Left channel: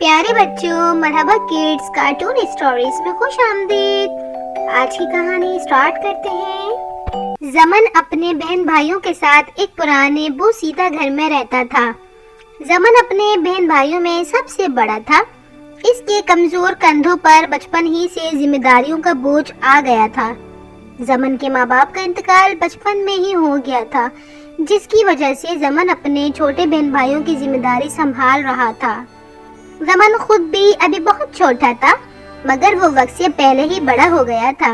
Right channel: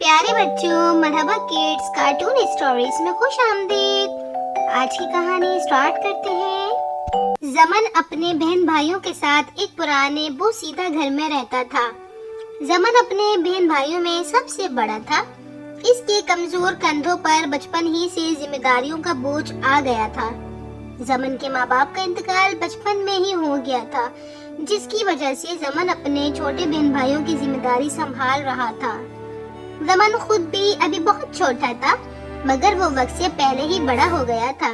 प्यारे बच्चों, मरहबा kids cartoon stories में खुश आमदीद। आज की कहानी स्टार्ट करते हैं। जमन अपने बहन भाइयों के साथ एक पुराने बोसीदा घर में रहता था। जमन अपने बहन भाइयों में सबसे बड़ा था। इसके कमजोर कंधों पर बचपन ही से जिम्मेदारियों का बोझ आ गया था। जमन के माँ बाप का इंतकाल बचपन में ही हो गया था, जिसकी वजह से जमन अपने छोटे बहन भाइयों की जिम्मेदारी संभाल रहा था। जमन खुद भी अभी बहुत छोटा था, मगर वो वक्त से पहले ही बड़ा हो गया था।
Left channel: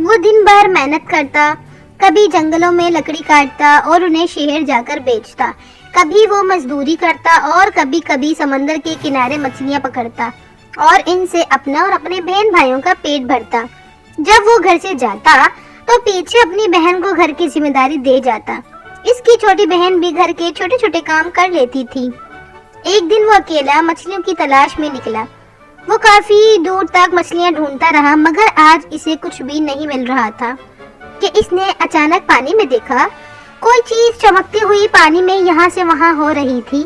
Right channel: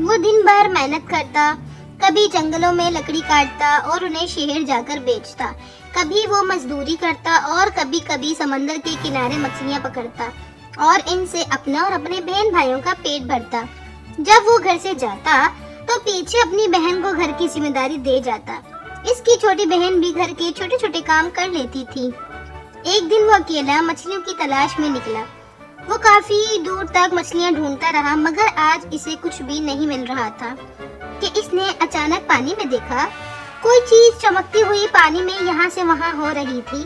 वो दिन भर मेहनत करता, कभी जंगलों में लकड़ी काटता और उन्हें शहर जाकर बेचता। कभी वो मजदूरी करता और कभी कभी समंदर के किनारे मछलियाँ पकड़ता और इनसे अपना और अपने बहन भाइयों का पेट भरता। जब वो घर से जाता तो पीछे अपनी बहन को घर की जिम्मेदारी दे जाता। इसकी छोटी बहन भी घर के छोटे छोटे काम कर लेती थी। एक दिन वो अकेला मछलियों की तलाश में निकला। वो काफी दूर तक मछलियां ढूंढता रहा, मगर आज इसे कुछ भी नहीं मिल रहा था कि इसने अचानक पानी में देखा। कोई चीज चमकती हुई पानी में यहाँ से वहाँ हो रही थी।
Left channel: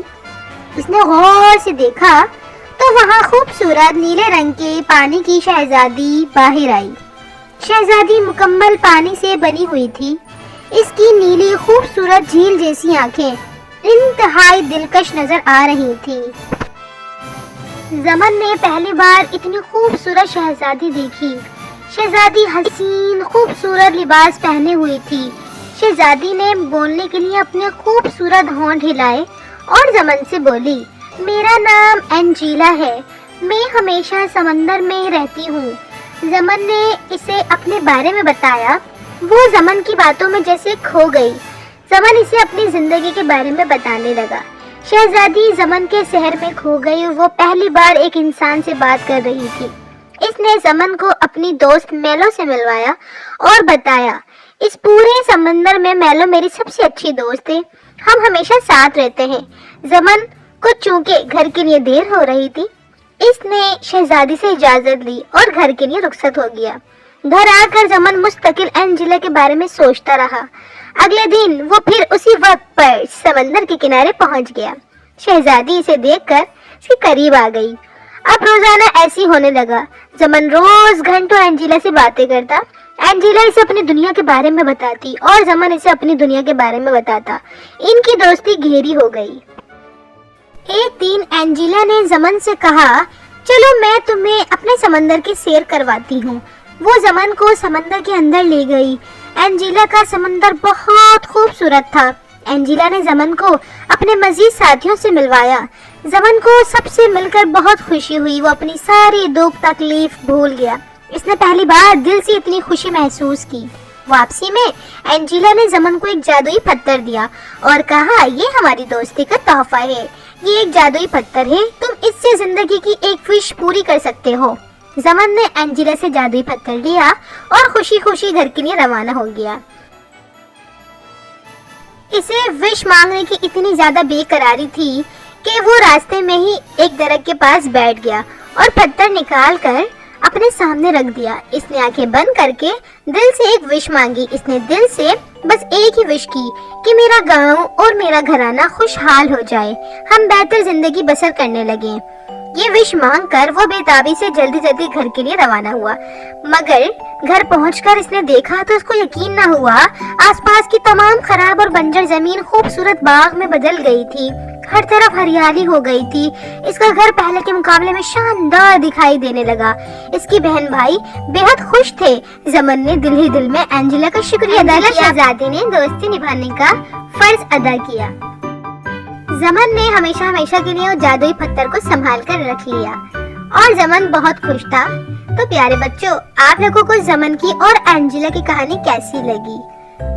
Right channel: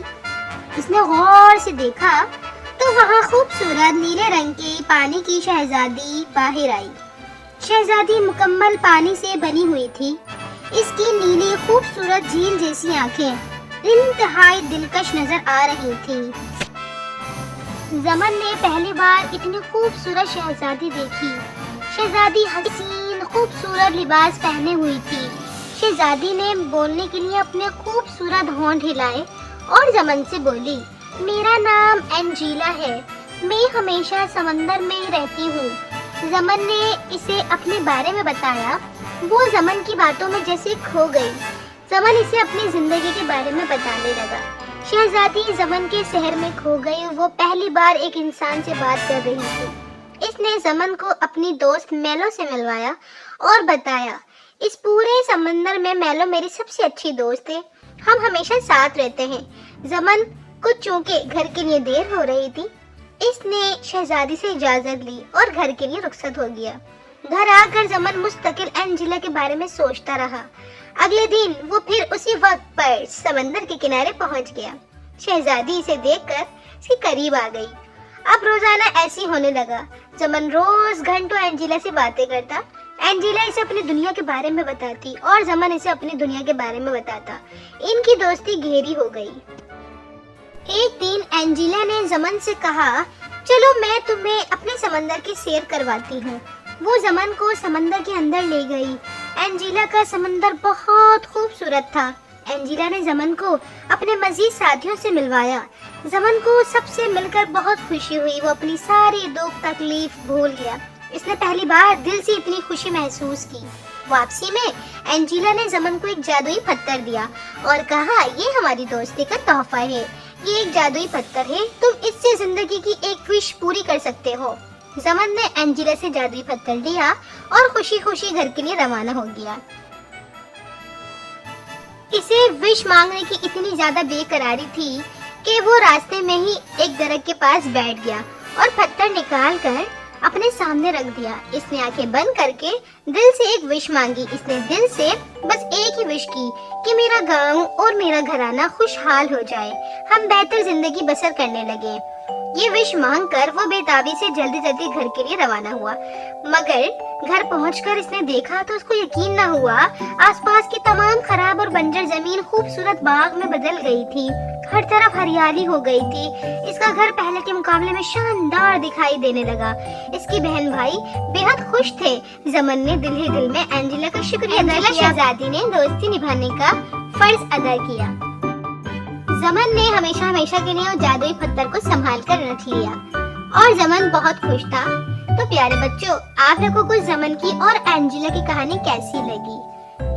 इसने गौर से देखा तो वहाँ खूबसूरत नीले रंग के पानी की शहजादी बाहर आई। शहजादी मुकम्मल पानी से बनी हुई थी। इसकी नीली खूबसूरत झील जैसी आंखें इंतहाई दिलकश नजर आ रही थी। जमन ने पहली बार इतनी खूबसूरत शहजादी देखी। शहजादी हसीन खूबसूरत लिबास पहने हुई थी। शहजादी ने बोलने के लिए अपने खूबसूरत होंठ हिलाए और जमन से बोली, मेरा नाम एंजीला है, मैं हमेशा समंदर में रहती हूँ। जमन ने इसे अपने बारे में बताया। वो जमन की बातों में जैसे खो गई। जमन इसे अपनी जिंदगी के बारे में बताने लगा। शहजादी जमन के शहर में खो गई। वो पहली बार एक इंसान से बात कर रही थी। इसने जमन को अपनी दोस्त मेलो से मिलवाया और बताया, इस पूरे समंदर में मेलो मेरी सबसे अच्छी दोस्त है, हम हमेशा साथ रहते हैं। जमन को चूंकि घर के लिए देर हो रही थी, इसने शहजादी से इजाजत ली और घर के लिए रुखसत हो गया। घर आकर जमन मुस्तकिल एंजेला के बारे में सोचता रहा। अगले दिन वो फिर उसी वक्त पर समंदर के किनारे पहुंच गया। शहजादी इसे देखकर इसके करीब आ गई। अब रोजाना ऐसी होने लगा। जमन रोज घंटों एंजेला से बातें करता। एंजेला इसे अपनी दुनिया के बारे में बताती और जमन इसे अपनी दुनिया के बारे में बताता। इनकी दोस्ती गहरी हो गई। एक दिन एंजेला ने जमन से कहा, चलो मैं तुम्हें अपने समंदर की सैर करवाती हूँ। वो जमन को समंदर के अंदर ले गई। एंजेला का समंदर बहुत खूबसूरत था। एंजेला ने जमन को अपने मजीद साथियों से मिलवाया। जमन को सबसे मिलकर बहुत खुशी हुई। वो अपनी सारी दुख तकलीफ भूल गया। इसने पहली बार दिल से इतनी खुशी महसूस की। वापसी में एंजेला ने जमन को एक जादुई पत्थर दिया और कहा, ये हमारी दोस्ती का तोहफा है। ये एक जादुई पत्थर है, तुम इससे जिंदगी की एक विश पूरी कर सकते हो। जमन ने एंजेला से जादुई पत्थर लिया और खुशी खुशी घर के लिए रवाना हो गया। इसे विश मांगने की इतनी ज्यादा बेकरारी थी कि वो रास्ते में ही एक दरख्त के पास बैठ गया और पत्थर निकाल कर अपने सामने रख दिया। इसने आंखें बंद करके दिल से एक विश मांगी। इसने दिल से बस एक ही विश की कि मेरा गांव और मेरा घराना खुशहाल हो जाए, हम बेहतर जिंदगी बसर करने लगे। ये विश मांगकर वो बेताबी से जल्दी जल्दी घर के लिए रवाना हुआ। मगर घर पहुंचकर इसने देखा तो उसको यकीन न हुआ। आसपास की तमाम खराब और बंजर जमीन खूबसूरत बाग में बदल गई थी। हर तरफ हरियाली हो गई थी। इसका घर पहले के मुकाबले में शानदार दिखाई देने लगा। इसकी बहन भाई बेहद खुश थे। जमन ने दिल ही दिल में एंजेला का शुक्रिया अदा किया। शहजादी ने दोस्ती निभाने का फर्ज अदा किया। जमन ने हमेशा हमेशा के लिए उस जादुई पत्थर को संभाल कर रख लिया और जमन बहुत खुश था। तो प्यारे बच्चों, आप लोगों को जमन की और एंजेला की कहानी कैसी लगी?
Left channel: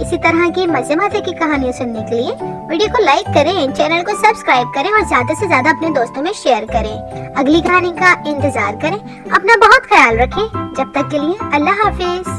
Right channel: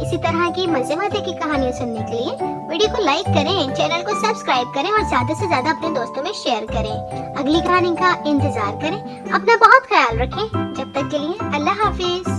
इसी तरह की मजे मजे की कहानियाँ सुनने के लिए वीडियो को लाइक करें, चैनल को सब्सक्राइब करें और ज्यादा से ज्यादा अपने दोस्तों में शेयर करें। अगली कहानी का इंतजार करें। अपना बहुत ख्याल रखें। जब तक के लिए अल्लाह हाफिज।